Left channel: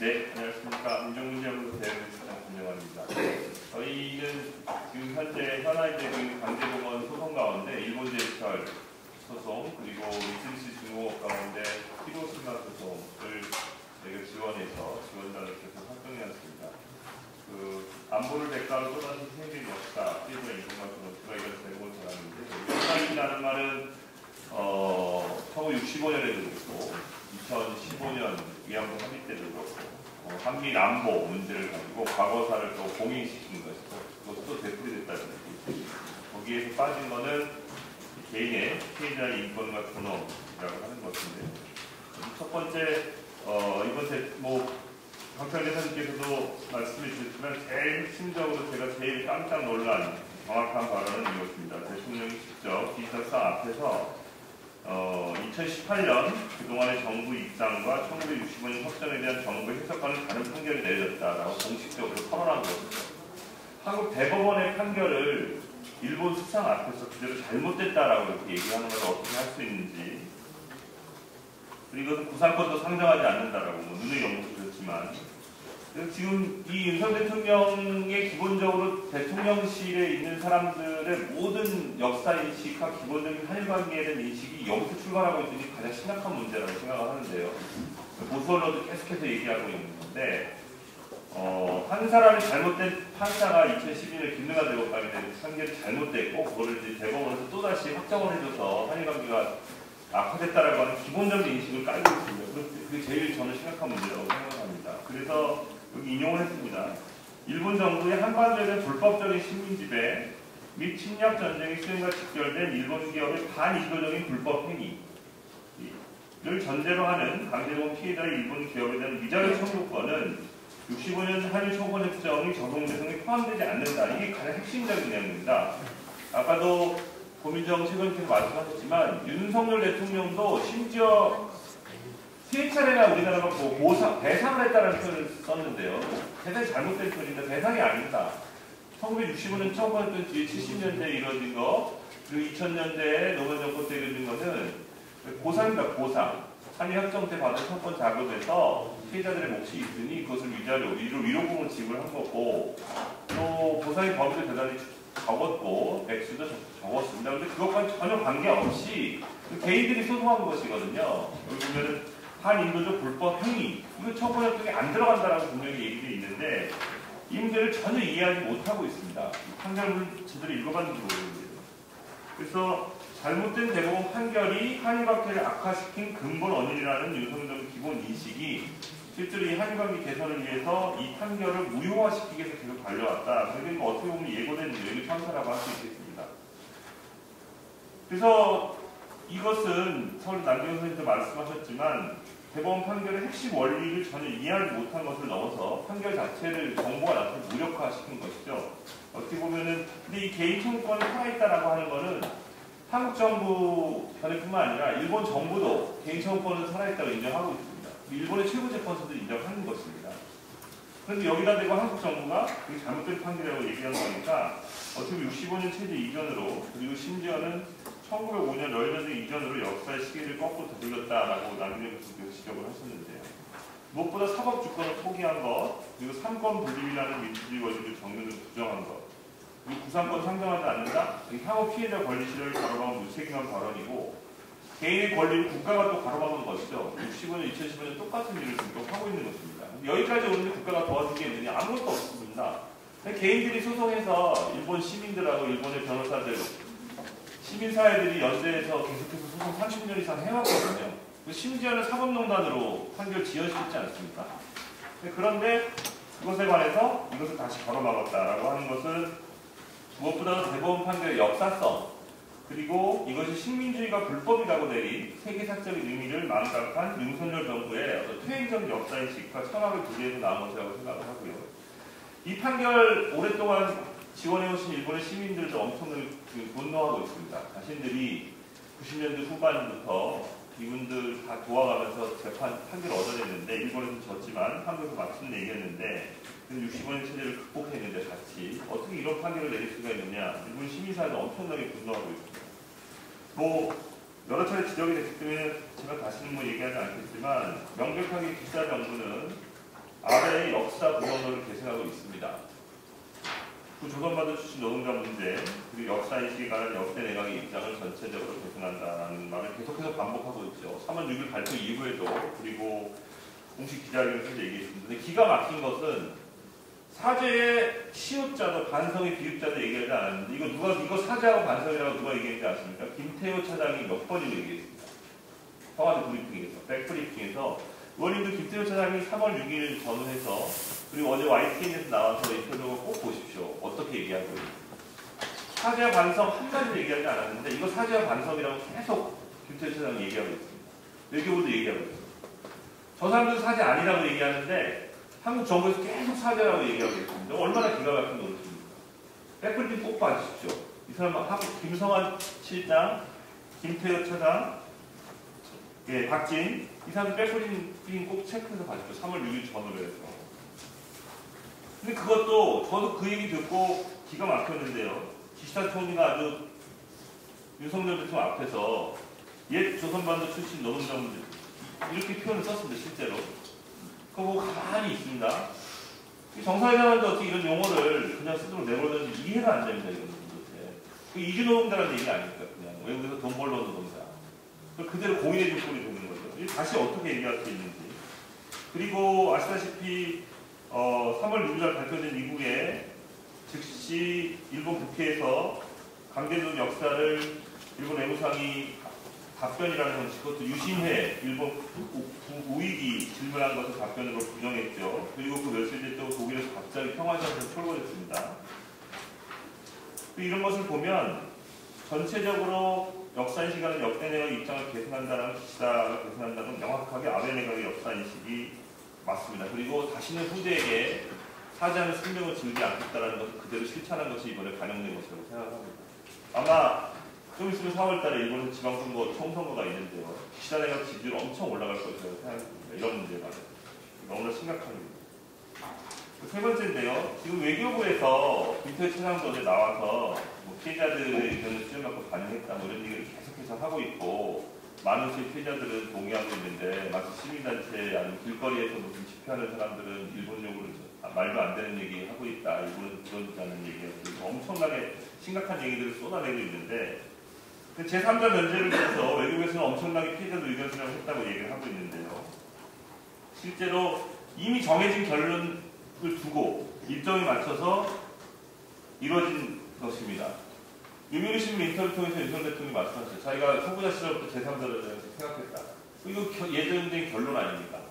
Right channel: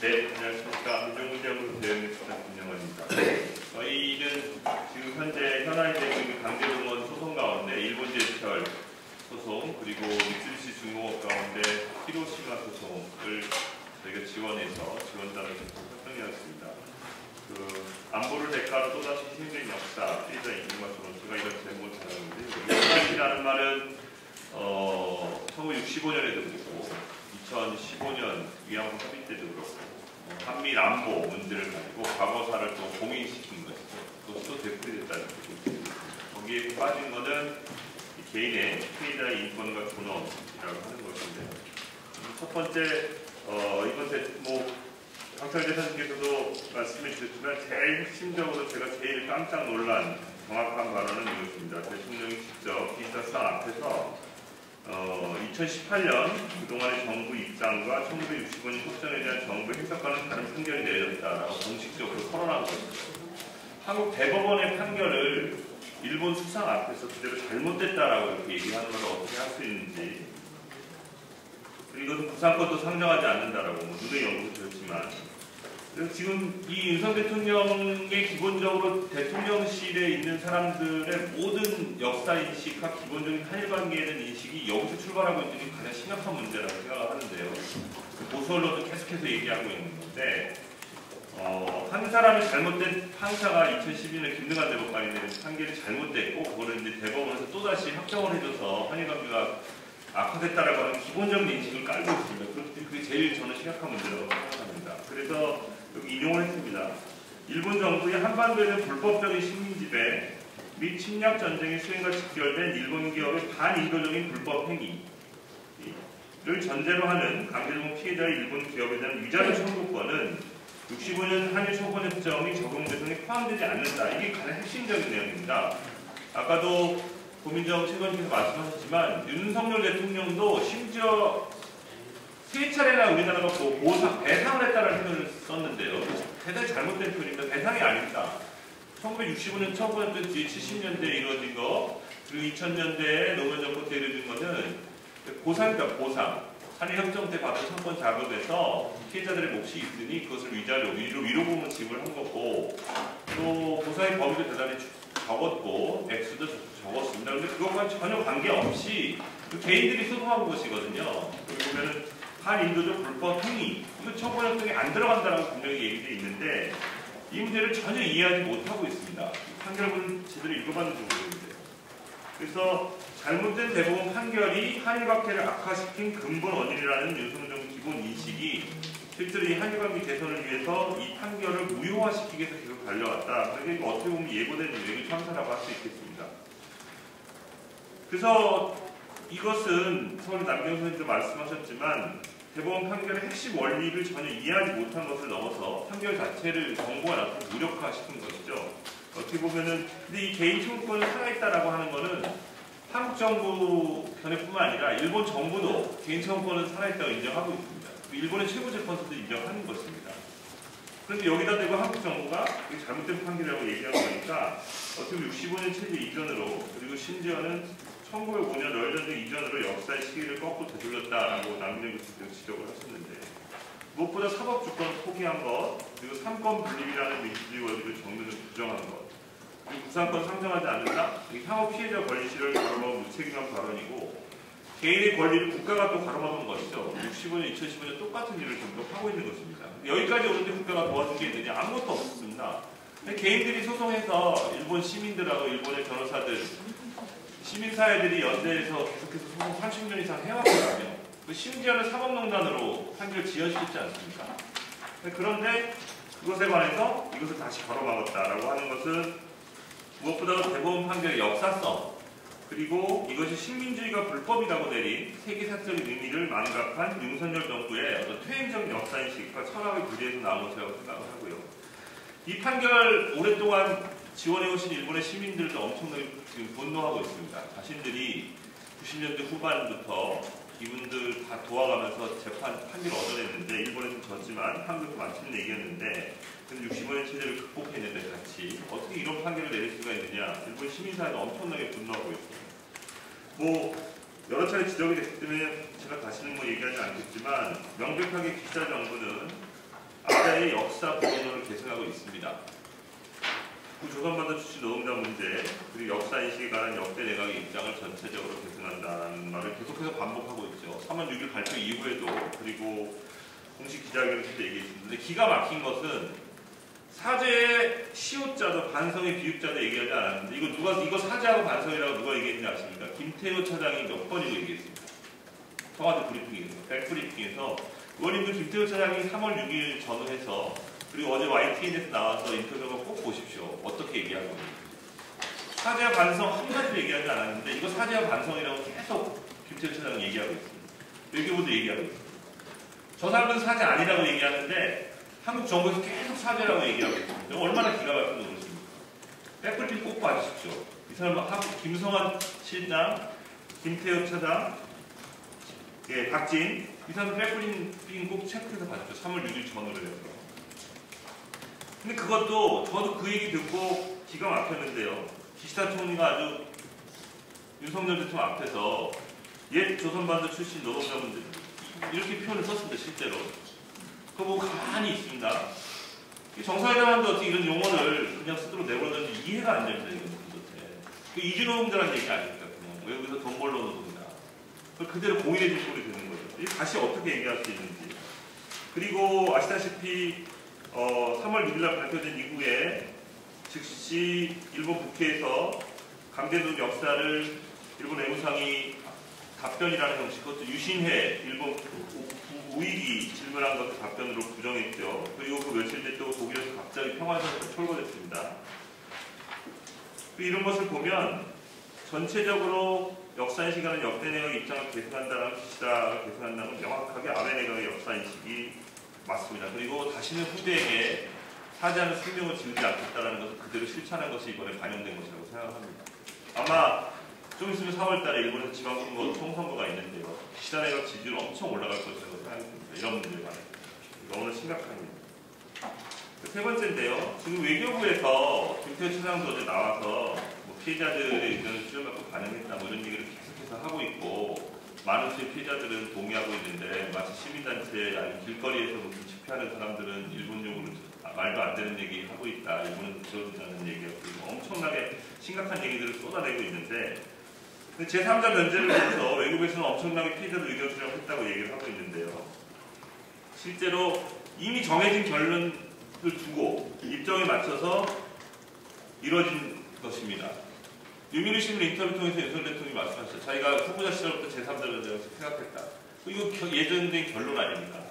네, 안녕하십니까. 안정무역으로 대응수사 김영원입니다. 저희는 지금 현재 현안되고 있는 강제동원 소송 가운데 일본제철 소송 그리고 미쓰비시 중공업 가운데 히로시마 소송을 저희가 지원단을 계속 활동해왔습니다. 안보를 대가로 또다시 생존 역사, 피해자 인권과 제가 이런 제목을 전하는데 현안이라는 말은 1965년에도 그렇고 2015년 위안부 합의 때도 그렇고 한미 안보 문제를 가지고 과거사를 또 공인시킨 것이고 또 되풀이됐다는 얘기입니다. 거기에 빠진 거는 개인의 피해자의 인권과 존엄이라고 하는 것인데 첫 번째 이번 박찬 대사님께서도 말씀해 주셨지만 제일 핵심적으로 제가 제일 깜짝 놀란 정확한 발언은 이것입니다. 대통령이 직접 기자 수상 앞에서 2018년 그동안의 정부 입장과 1965년 협정에 대한 정부의 해석과는 다른 판결이 내려졌다라고 공식적으로 선언한 것입니다. 한국 대법원의 판결을 일본 수상 앞에서 그대로 잘못됐다라고 이렇게 얘기하는 걸 어떻게 할 수 있는지, 이것은 구상권도 상정하지 않는다라고 누누이 언급드렸지만, 지금 이 윤석열 대통령의 기본적으로 대통령실에 있는 사람들의 모든 역사인식과 기본적인 한일관계에 대한 인식이 여기서 출발하고 있는 게 가장 심각한 문제라고 생각하는데요. 보수 언론도 계속해서 얘기하고 있는 건데 한 사람이 잘못된 판사가 2012년에 김능한 대법관이 내린 판결이 잘못됐고 그거를 이제 대법원에서 또다시 확정을 해줘서 한일관계가 악화됐다라고 하는 기본적인 인식을 깔고 있습니다. 그게 제일 저는 심각한 문제라고 생각합니다. 그래서 여기 인용을 했습니다. 일본 정부의 한반도에 대한 불법적인 식민지배 및 침략 전쟁의 수행과 직결된 일본 기업의 반인도적인 불법 행위를 전제로 하는 강제동원 피해자의 일본 기업에 대한 위자료 청구권은 65년 한일 청구협정의 적용 대상에 포함되지 않는다. 이게 가장 핵심적인 내용입니다. 아까도 고민정 최고님께서 말씀하셨지만 윤석열 대통령도 심지어 세 차례나 우리나라가 배상을 했다는 표현을 썼는데요. 대단히 잘못된 표현입니다. 대상이 아닙니다. 1965년 청구했던 뒤에 70년대에 이루어진 거, 그리고 2000년대에 노무현 정부 때 이루어진 것은 보상입니다. 보상. 한일협정 때 받은 청권 자금에서 피해자들의 몫이 있으니 그것을 위로금으로 지불한 거고, 또 보상의 범위도 대단히 적었고 액수도 적었습니다. 그런데 그것과 전혀 관계없이 개인들이 소송한 것이거든요. 여기 보면은 반인도적 불법 행위, 이거 청구협정에 안 들어간다라고 분명히 얘기되어 있는데 이 문제를 전혀 이해하지 못하고 있습니다. 판결문을 제대로 읽어봤는지 모르겠는데요. 그래서 잘못된 대법원 판결이 한일관계를 악화시킨 근본 원인이라는 윤석열 기본 인식이 실제로 이 한일관계 개선을 위해서 이 판결을 무효화시키기 위해서 계속 달려왔다. 그러니까 어떻게 보면 예고된 유행의 참사라고 할 수 있겠습니다. 그래서 이것은 서울 남경 선생님도 말씀하셨지만 대법원 판결의 핵심 원리를 전혀 이해하지 못한 것을 넘어서 판결 자체를 정부가 나한테 무력화시킨 것이죠. 어떻게 보면은 근데 이 개인 청구권을 살아있다라고 하는 것은 한국 정부 견해뿐만 아니라 일본 정부도 개인 청구권을 살아있다고 인정하고 있습니다. 일본의 최고재판소도 인정하는 것입니다. 그런데 여기다 대고 한국 정부가 이게 잘못된 판결이라고 얘기하고 보니까 어떻게 65년 체제 이전으로 그리고 심지어는 1905년 러일전쟁 이전으로 역사의 시기를 거꾸로 되돌렸다라고 남기는 지적을 하셨는데요. 무엇보다 사법주권을 포기한 것, 그리고 삼권 분립이라는 민주주의 원리를 정면으로 부정한 것, 그리고 구상권 상정하지 않는다, 향후 피해자 권리실을 가로막은 무책임한 발언이고 개인의 권리를 국가가 또 가로막은 것이죠. 65년, 2015년 똑같은 일을 계속 하고 있는 것입니다. 여기까지 오는데 국가가 도와준 게 있느냐? 아무것도 없습니다. 개인들이 소송해서 일본 시민들하고 일본의 변호사들, 시민사회들이 연대해서 계속해서 소송 30년 이상 해왔거든요. 심지어는 사법농단으로 판결 지연시키지 않습니까? 그런데 그것에 관해서 이것을 다시 걸어막았다라고 하는 것은 무엇보다도 대법원 판결의 역사성, 그리고 이것이 식민주의가 불법이라고 내린 세계사적인 의미를 망각한 윤석열 정부의 어떤 퇴행적 역사인식과 철학을 분리해서 나온 것이라고 생각을 하고요. 이 판결 오랫동안 지원해오신 일본의 시민들도 엄청나게 지금 분노하고 있습니다. 자신들이 90년대 후반부터 이분들 다 도와가면서 판결을 얻어냈는데 일본에서 졌지만 한국에서 맞추는 얘기였는데 65년 체제를 극복했는데 같이 어떻게 이런 판결을 내릴 수가 있느냐. 일본 시민사회도 엄청나게 분노하고 있습니다. 여러 차례 지적이 됐기 때문에 제가 다시는 얘기하지 않겠지만 명백하게 기자 정부는 아베의 역사 본원을 계승하고 있습니다. 조선반도 출신 노동자 문제 그리고 역사인식에 관한 역대 내각의 입장을 전체적으로 계승한다는 말을 계속해서 반복하고 있죠. 3월 6일 발표 이후에도 그리고 공식 기자회견에서 얘기했습니다. 근데 기가 막힌 것은 사죄의 시효자도 반성의 비읍자도 얘기하지 않았는데 이거 사죄하고 반성이라고 누가 얘기했는지 아십니까? 김태호 차장이 몇 번이고 얘기했습니다. 청와대 브리핑에서 백브리핑에서 의원님도 김태호 차장이 3월 6일 전후해서 그리고 어제 YTN에서 나와서 인터뷰를 꼭 보십시오. 어떻게 얘기하고 사죄와 반성 한마디도 얘기하지 않았는데 이거 사죄와 반성이라고 계속 김태호 차장은 얘기하고 있습니다. 외교부도 얘기하고 있습니다. 저 사람들은 사죄 아니라고 얘기하는데 한국 정부에서 계속 사죄라고 얘기하고 있습니다. 얼마나 기가 막힌 노릇입니까? 백브리핑 꼭 봐주십시오. 이 사람은 김성환 실장, 김태호 차장, 예, 박진 이 사람들 백브리핑 꼭 체크해서 봐주십시오. 3월 6일 전후로 해서. 근데 그것도 저도 그 얘기 듣고 기가 막혔는데요. 기시다 총리가 아주 윤석열 대통령 앞에서 옛 조선반도 출신 노동자분들 이렇게 표현을 썼습니다. 실제로. 그거 보고 가만히 있습니다. 정상회담한테 어떻게 이런 용어를 그냥 스스로 내버려뒀는지 이해가 안 됩니다. 이건 도대체. 그 이주노동자라는 얘기 아닙니까? 그냥 외국에서 돈 벌러 노동자. 그걸 그대로 공유해 줄 꼴이 되는 거죠. 다시 어떻게 얘기할 수 있는지. 그리고 아시다시피 3월 6일 발표된 이후에 즉시 일본 국회에서 강제노동 역사를 일본 외무상이 답변이라는 것이 그것도 유신회 일본 우익이 질문한 것을 답변으로 부정했죠. 그리고 그 며칠 뒤에 또 독일에서 갑자기 평화선언이 철거됐습니다. 이런 것을 보면 전체적으로 역사인식하는 역대 내각의 입장을 계승한다는 기시다가 계승한다는 건 명확하게 아베 내각의 역사인식이 맞습니다. 그리고 다시는 후대에게 사죄하는 숙명을 지우지 않겠다는 것을 그대로 실천한 것이 이번에 반영된 것이라고 생각합니다. 아마 좀 있으면 4월달에 일본에서 지방선거, 총선거가 있는데요. 기시다 내각 지지율 엄청 올라갈 것이라고 생각합니다. 이런 문제가 너무나 심각한 일입니다. 세 번째인데요. 지금 외교부에서 김태호 차장도 어제 나와서 피해자들의 의견을 수렴받고 반영했다 이런 얘기를 계속해서 하고 있고 많은 수의 피해자들은 동의하고 있는데 마치 시민단체 아니면 길거리에서 무슨 집회하는 사람들은 일본용으로 말도 안 되는 얘기 하고 있다. 일본은 그러지 얘기하고 있고 엄청나게 심각한 얘기들을 쏟아내고 있는데 제3자 면제를 해서 외국에서는 엄청나게 피해자들 의견 수렴을 했다고 얘기를 하고 있는데요. 실제로 이미 정해진 결론을 두고 일정에 맞춰서 이루어진 것입니다. 유민우 신문 인터뷰 통해서 윤석열 대통령이 말씀하셨어요. 자기가 후보자 시절부터 제3자 면제를 생각했다. 이거 예정된 결론 아닙니까?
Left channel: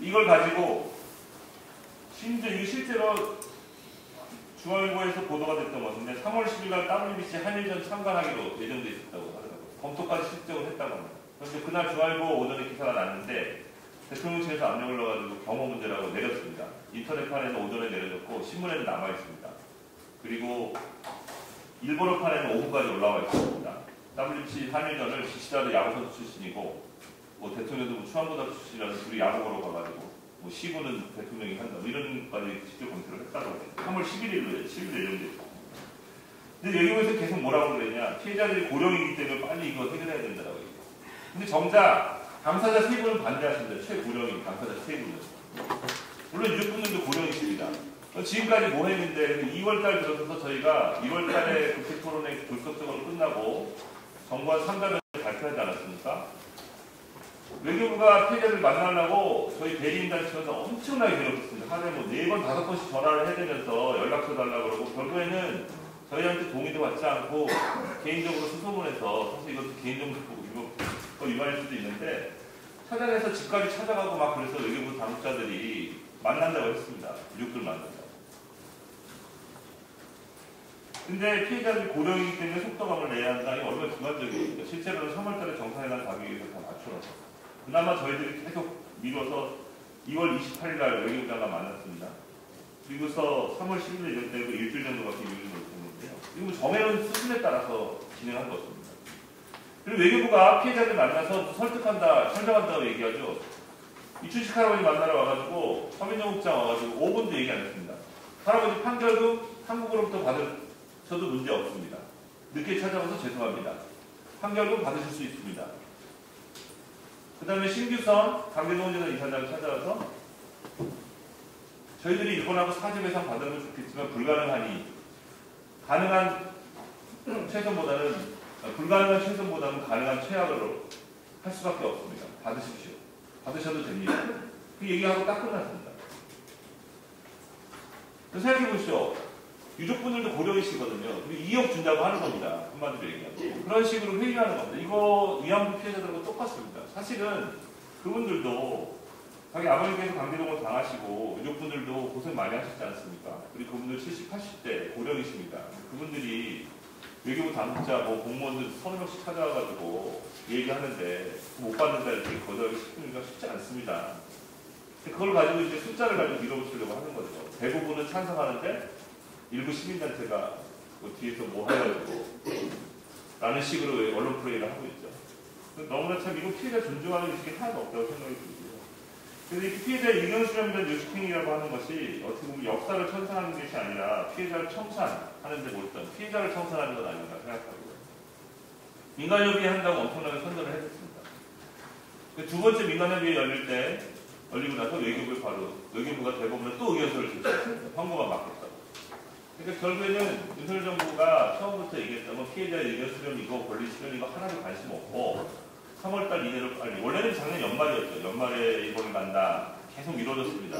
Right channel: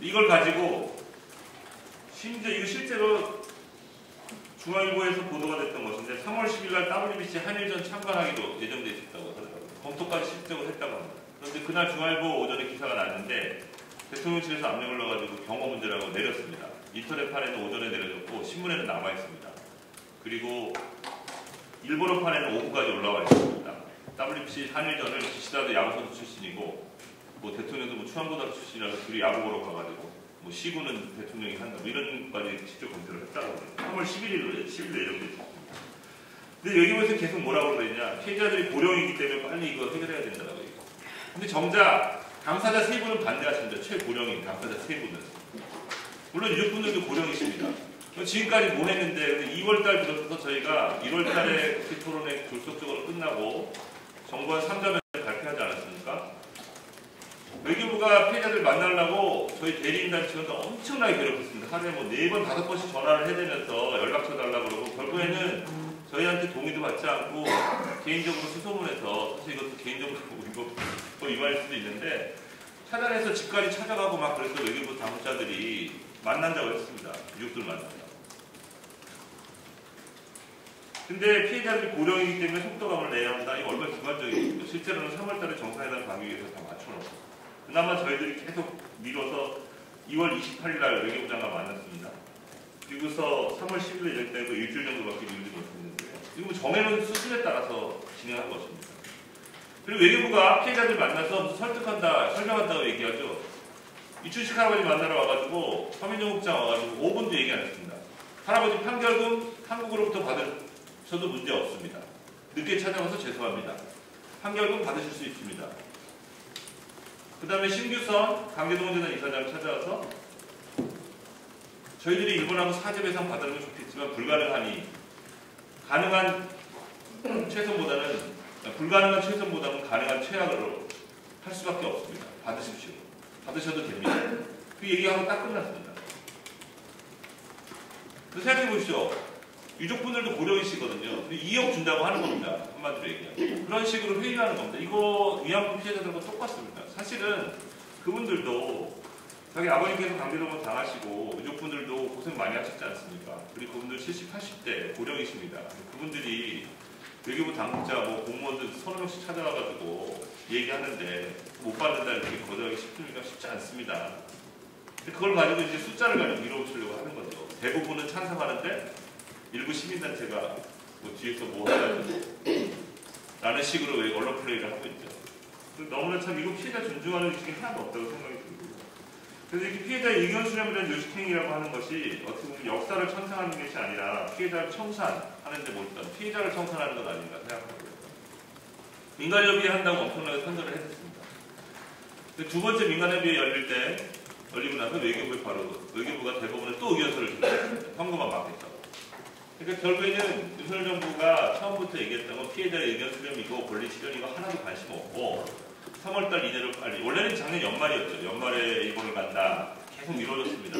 이걸 가지고 심지어 이거 실제로 중앙일보에서 보도가 됐던 것인데 3월 10일 날 WBC 한일전 참관하기로 예정돼 있었다고 하더라고요. 검토까지 실적을 했다고 합니다. 그런데 그날 중앙일보 오전에 기사가 났는데 대통령실에서 압력을 넣어가지고 경호 문제라고 내렸습니다. 인터넷판에는 오전에 내려졌고 신문에는 남아있습니다. 그리고 일본어판에는 오후까지 올라와 있습니다. WBC 한일전을 기시다도 야구선수 출신이고 대통령도 충암고등학교 출신이라서 둘이 야구 보러 가가지고 시구는 대통령이 한다 이런까지 실적 검색을 했다고 합니다. 3월 11일로 10일 예정됐습니다. 근데 여기 보면서 계속 뭐라고 그러냐 피해자들이 고령이기 때문에 빨리 이거 해결해야 된다고 얘기해요. 근데 정작 당사자 3분은 반대하십니다. 최고령인 당사자 3분은. 물론 유족분들도 고령이십니다. 지금까지 뭐 했는데 2월달 들어서서 저희가 1월달에 국회 토론회 불속적으로 끝나고 정부가 상담을 발표하지 않았습니까? 외교부가 피해자들 만나려고 저희 대리인단체에서 엄청나게 괴롭혔습니다. 하루에 4번, 5번씩 전화를 해대면서 연락처 달라고 그러고 결국에는 저희한테 동의도 받지 않고 개인적으로 수소문해서 사실 이것도 개인적으로 그리고 또 이만할 수도 있는데 찾아내서 집까지 찾아가고 막 그래서 외교부 당국자들이 만난다고 했습니다. 유족들 만난다고. 근데 피해자들이 고령이기 때문에 속도감을 내야 한다. 이게 얼마나 주관적이거든요. 실제로는 3월달에 정상회담 가기 위해서 다 맞춰놨습니다. 그나마 저희들이 계속 미뤄서 2월 28일 날 외교부장과 만났습니다. 그리고서 3월 10일 예정되고 일주일 정도밖에 미루지 못했는데 이거 정해놓은 수순에 따라서 진행한 것입니다. 그리고 외교부가 피해자들 만나서 설득한다, 설명한다고 얘기하죠. 이춘식 할아버지 만나러 와가지고 서민정 국장 와가지고 5분도 얘기 안 했습니다. 할아버지 판결금 한국으로부터 받으셔도 문제 없습니다. 늦게 찾아와서 죄송합니다. 판결금 받으실 수 있습니다. 그 다음에 신규선 강대동재단 이사장 찾아와서 저희들이 일본하고 사죄 배상 받는 건 좋겠지만 불가능한 최선보다는 가능한 최악으로 할 수밖에 없습니다. 받으십시오. 받으셔도 됩니다. 그 얘기하고 딱 끝났습니다. 생각해 보시죠. 유족분들도 고령이시거든요. 근데 2억 준다고 하는 겁니다. 한마디로 얘기하면. 그런 식으로 회의하는 겁니다. 이거 위안부 피해자들과 똑같습니다. 사실은 그분들도 자기 아버님께서 강제동원 당하시고 유족분들도 고생 많이 하셨지 않습니까? 우리 그분들 70, 80대 고령이십니다. 그분들이 외교부 당국자 공무원들 30명씩 찾아와가지고 얘기하는데 못 받는다는 얘기 거절하기 쉽지 않습니다. 그걸 가지고 이제 숫자를 가지고 밀어붙이려고 하는 거죠. 대부분은 찬성하는데 일부 시민단체가 뒤에서 뭐 해가지고 라는 식으로 언론 플레이를 하고 있죠. 너무나 참 이거 피해자 존중하는 의식이 하나도 없다고 생각이 들고요. 그래서 이 피해자 의견 수렴에 대한 요식행위라고 하는 것이 어떻게 보면 역사를 청산하는 것이 아니라 피해자를 청산하는 데 몰두한 피해자를 청산하는 건 아닌가 생각하고요. 민간협의회 한다고 엄청나게 선전을 했습니다. 두 번째 민간협의회 열리고 나서 외교부가 대법원에 또 의견서를 줬습니다. 선고만 받겠다고. 그러니까 결국에는 윤석열 정부가 처음부터 얘기했다면 피해자의 의견 수렴이고 권리 실현이고 하나도 관심 없고 3월달 이내로 빨리, 원래는 작년 연말이었죠. 연말에 일본을 만나 계속 이루어졌습니다.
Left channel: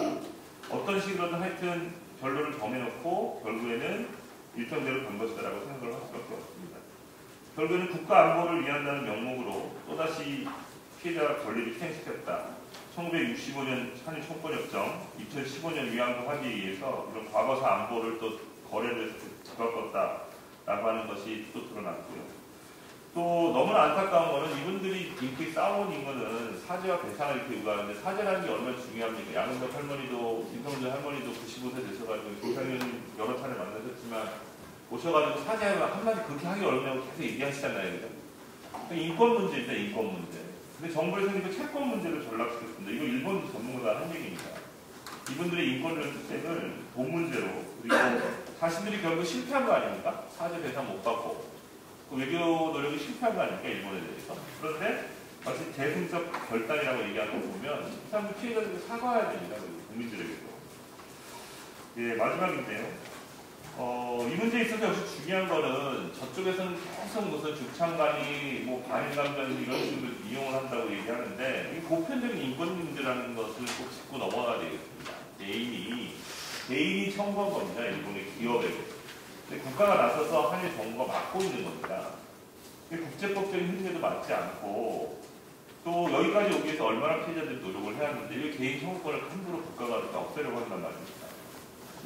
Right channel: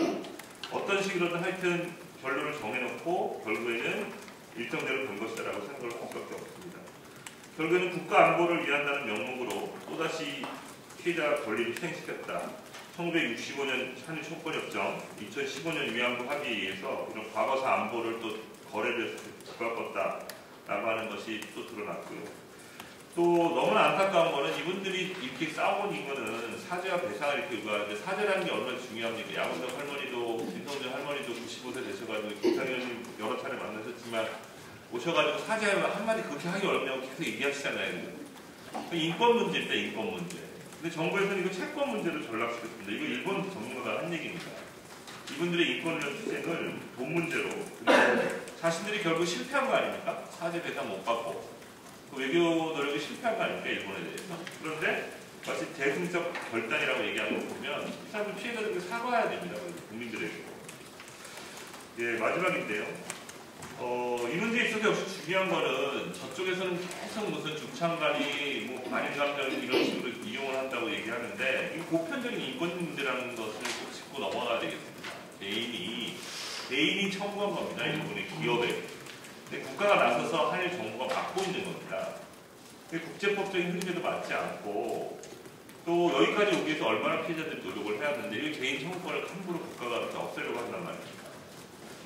어떤 식으로든 하여튼 결론을 정해놓고 결국에는 일정대로 간 것이다라고 생각을 할 수밖에 없습니다. 결국에는 국가 안보를 위한다는 명목으로 또다시 피해자 권리를 희생시켰다. 1965년 한일 총권협정, 2015년 위안부 합의에서 이런 과거사 안보를 또 거래를 집어넣었다라고 하는 것이 또 드러났고요. 또 너무나 안타까운 것은 이분들이 이렇게 싸운 이유는 사죄와 배상을 이렇게 요구하는데 사죄라는 게 얼마나 중요합니까? 양은석 할머니도 김성준 할머니도 95세 되셔가지고 김상현님 여러 차례 만나셨지만 오셔가지고 사죄하면 한마디 그렇게 하기 어렵냐고 계속 얘기하시잖아요. 인권 문제입니다. 인권 문제. 근데 정부에서는 이거 채권 문제로 전락시켰습니다. 이거 일본 전문가가 한 얘기입니다. 이분들의 인권을 투쟁을 본 문제로 자신들이 결국 실패한 거 아닙니까? 사죄 배상 못 받고 그 외교 노력이 실패한 거 아닙니까? 일본에 대해서. 그런데 마치 대승적 결단이라고 얘기하는 거 보면 이 사람들 피해자들이 사과해야 됩니다. 국민들에게도. 예, 마지막인데요. 이 문제에 있어서 역시 중요한 거는 저쪽에서는 계속 무슨 주창관리, 관인감정 이런 식으로 이용을 한다고 얘기하는데 이게 보편적인 인권 문제라는 것을 꼭 짚고 넘어가야 되겠습니다. 개인이 청구한 겁니다. 일본의 기업에. 근데 국가가 나서서 한일 정부가 막고 있는 겁니다. 근데 국제법적인 흐름에도 맞지 않고 또 여기까지 오기 위해서 얼마나 피해자들이 노력을 해야 하는데 이 개인 청구권을 함부로 국가가 이렇게 없애려고 한단 말입니다.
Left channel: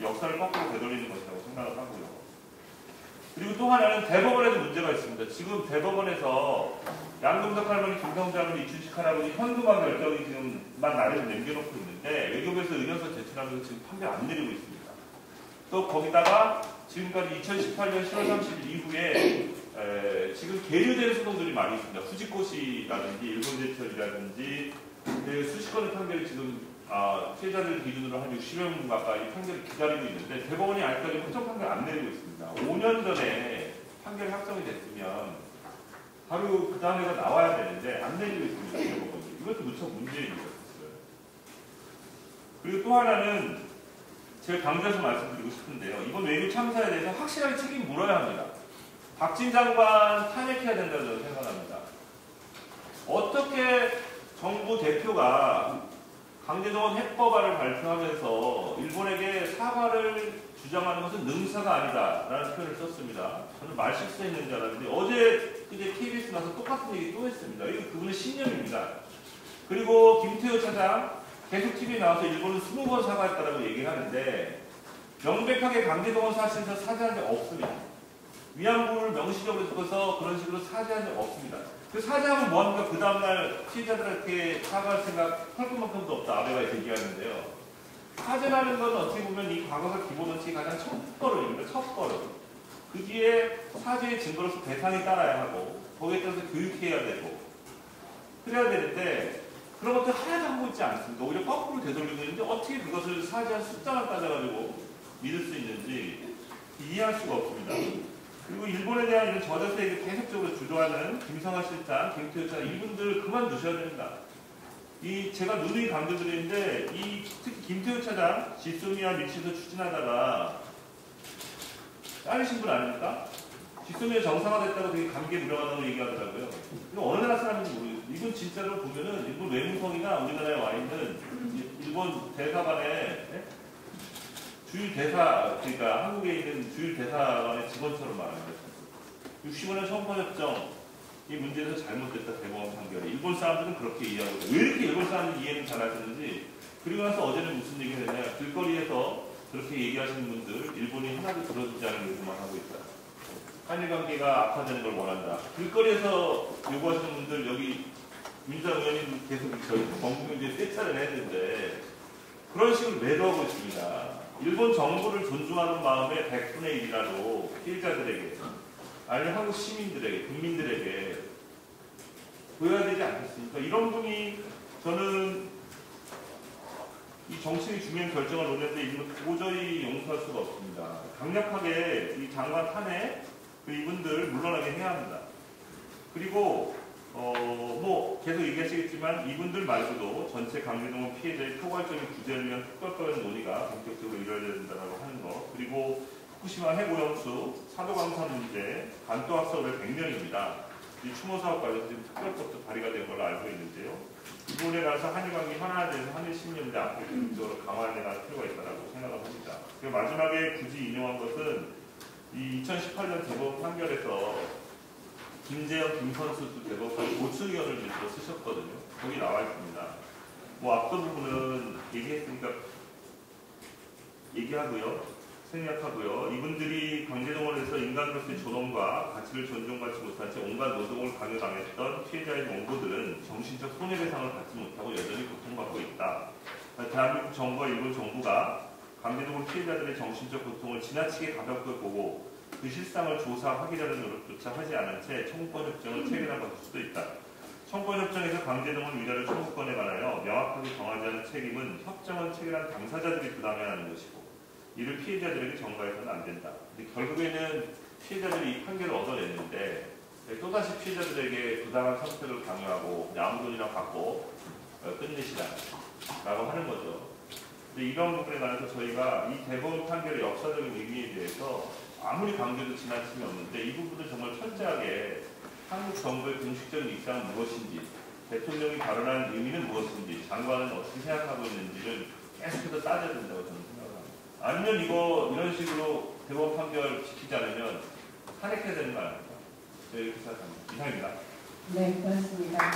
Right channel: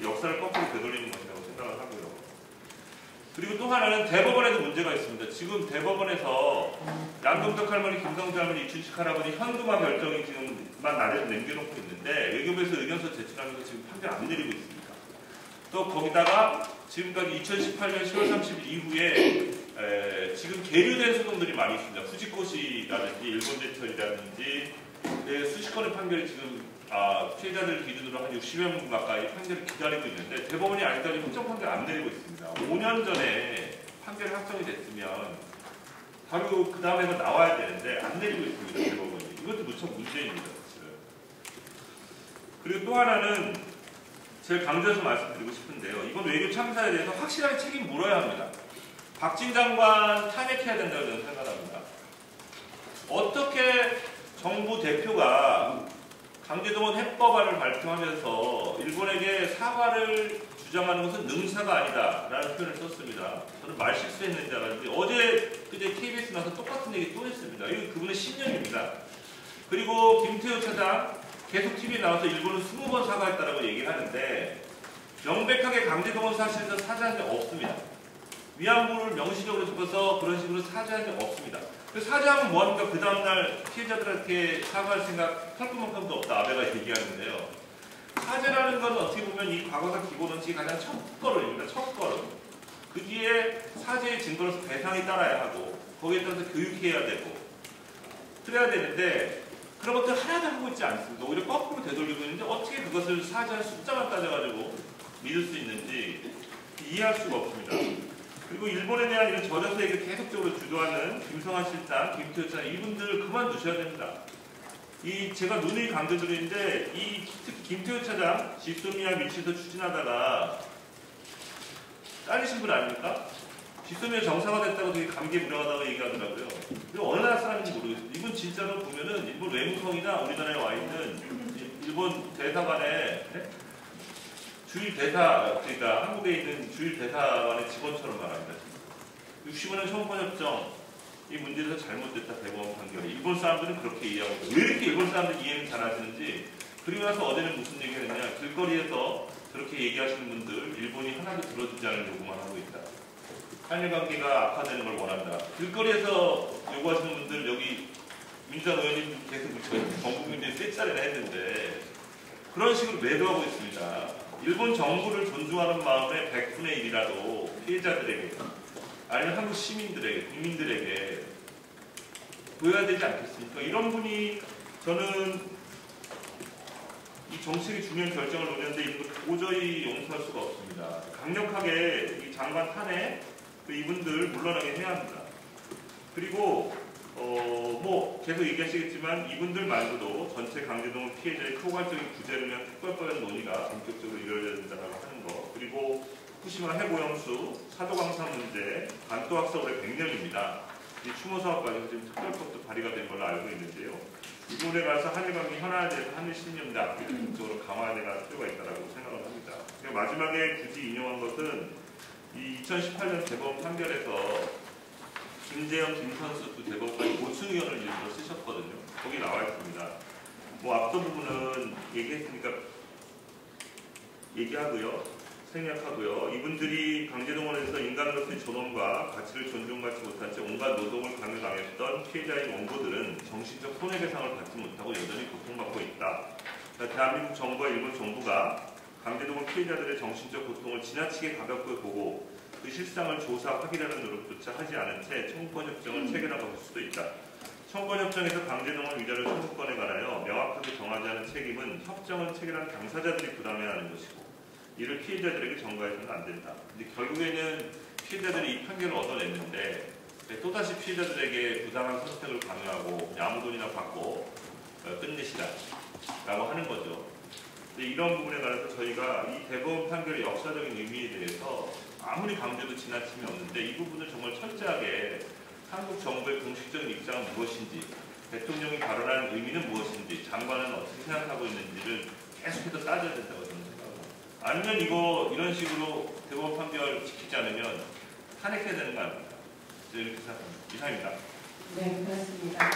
역사를 거꾸로 되돌리는 것이라고 생각을 하고요. 그리고 또 하나는 대법원에도 문제가 있습니다. 지금 대법원에서 양동석 할머니, 김성주 할머니, 이춘식 할아버지 현금화 결정이 지금만 날에서 내겨놓고 있는데 외교부에서 의견서 제출하면서 지금 판결 안 내리고 있습니다. 또 거기다가 지금까지 2018년 10월 30일 이후에 지금 계류된 소송들이 많이 있습니다. 후지코시라든지 일본제철이라든지 수십 건의 판결이 지금 피해자들 기준으로 한 60여 명 가까이 판결을 기다리고 있는데 대법원이 아직까지 확정 판결 안 내리고 있습니다. 5년 전에 판결이 확정이 됐으면 바로 그 다음에도 나와야 되는데 안 내리고 있습니다. 대법원이. 이것도 무척 문제입니다. 사실은. 그리고 또 하나는 제가 강조해서 말씀드리고 싶은데요. 이번 외교 참사에 대해서 확실하게 책임 물어야 합니다. 박진 장관 탄핵해야 된다고 저는 생각합니다. 어떻게 정부 대표가 강제동원 해법안을 발표하면서 일본에게 사과를 주장하는 것은 능사가 아니다라는 표현을 썼습니다. 저는 말 실수했는지 알았는데 그제 KBS 나서 똑같은 얘기 또 했습니다. 이거 그분의 신념입니다. 그리고 김태우 차장 계속 TV에 나와서 일본은 20번 사과했다라고 얘기를 하는데 명백하게 강제동원 사실에서 사죄한 적 없습니다. 위안부를 명시적으로 적어서 그런 식으로 사죄한 적 없습니다. 그 사죄하면 뭐합니까? 그 다음날 피해자들한테 사과할 생각 할 것만큼도 없다. 아베가 얘기하는데요. 사죄라는 건 어떻게 보면 이 과거사 기본 원칙이 가장 첫 걸음입니다. 첫 걸음. 그 뒤에 사죄의 증거로서 대상이 따라야 하고 거기에 따라서 교육해야 되고 그래야 되는데 그런 것들 하나도 하고 있지 않습니다. 오히려 거꾸로 되돌리고 있는데 어떻게 그것을 사죄한 숫자만 따져가지고 믿을 수 있는지 이해할 수가 없습니다. 그리고 일본에 대한 이런 저자세에게 계속적으로 주도하는 김성하 실장, 김태우 차장 이분들 그만두셔야 됩니다. 제가 누누이 강조드리는데 특히 김태우 차장 지소미아 밀치도 추진하다가 잘리신 분 아닙니까? 지소미아 정상화됐다고 되게 감개무량하다고 얘기하더라고요. 이거 어느 나라 사람인지 모르겠어요. 이분 진짜로 보면은 일본 외무성이나 우리나라에 와 있는 일본 대사관에 주일 대사, 그러니까 한국에 있는 주일 대사관의 직원처럼 말합니다. 60원의 청구협정 이 문제에서 잘못됐다 대법원 판결이. 일본 사람들은 그렇게 이해하고 있어요. 왜 이렇게 일본 사람들 이해를 잘 하시는지. 그리고 나서 어제는 무슨 얘기를 했냐. 길거리에서 그렇게 얘기하시는 분들 일본이 하나도 들어주지 않은 요구만 하고 있다. 한일 관계가 악화되는 걸 원한다. 길거리에서 요구하시는 분들 여기 민주당 의원님 계속 전국민주에 떼차를 해야 되는데 그런 식으로 매도하고 있습니다. 일본 정부를 존중하는 마음의 100분의 1이라도 피해자들에게 아니면 한국 시민들에게 국민들에게 보여야 되지 않겠습니까? 이런 분이 저는 이 정책의 중요한 결정을 놓는데 이건 도저히 용서할 수가 없습니다. 강력하게 이 장관 탄핵 이분들 물러나게 해야 합니다. 그리고 뭐 계속 얘기하시겠지만 이분들 말고도 전체 강제동원 피해자의 포괄적인 구제를 위한 특별법의 논의가 본격적으로 이루어져야 된다고 하는 거. 그리고 후쿠시마 핵오염수, 사도강사 문제, 반도학살 올해 100년입니다. 이 추모 사업까지 지금 특별법도 발의가 된 걸로 알고 있는데요. 이번에 가서 한일관계 현안화돼서 한일 신념대 앞으로 강화해내갈 필요가 있다고 생각합니다. 그리고 마지막에 굳이 인용한 것은 이 2018년 대법원 판결에서 김재혁, 김선수 두 대법관이 고충 의견을 일부러 쓰셨거든요. 거기 나와 있습니다. 뭐 앞선 부분은 얘기했으니까 얘기하고요. 생략하고요. 이분들이 강제동원에서 인간으로서의 존엄과 가치를 존중받지 못한 채 온갖 노동을 강요당했던 피해자의 원고들은 정신적 손해배상을 받지 못하고 여전히 고통받고 있다. 대한민국 정부와 일본 정부가 강제동원 피해자들의 정신적 고통을 지나치게 가볍게 보고 그 실상을 조사, 확인하는 노력조차 하지 않은 채 청구권협정을 체결하고 있을 수도 있다. 청구권협정에서 강제동원 위자료 청구권에 관하여 명확하게 정하지 않은 책임은 협정을 체결한 당사자들이 부담해야 하는 것이고 이를 피해자들에게 전가해서는 안 된다. 근데 결국에는 피해자들이 이 판결을 얻어냈는데 또다시 피해자들에게 부당한 선택을 강요하고 아무 돈이나 받고 끝내시라라고 하는 거죠. 근데 이런 부분에 관해서 저희가 이 대법원 판결의 역사적인 의미에 대해서 아무리 강조도 지나침이 없는데 이 부분을 정말 철저하게 한국 정부의 공식적인 입장은 무엇인지 대통령이 발언한 의미는 무엇인지 장관은 어떻게 생각하고 있는지를 계속해서 따져야 된다고 저는 생각합니다. 아니면 이런 식으로 대법원 판결을 지키지 않으면 탄핵해야 되는 거 아닙니까? 저는 이렇게 생각합니다. 이상입니다. 네, 고맙습니다.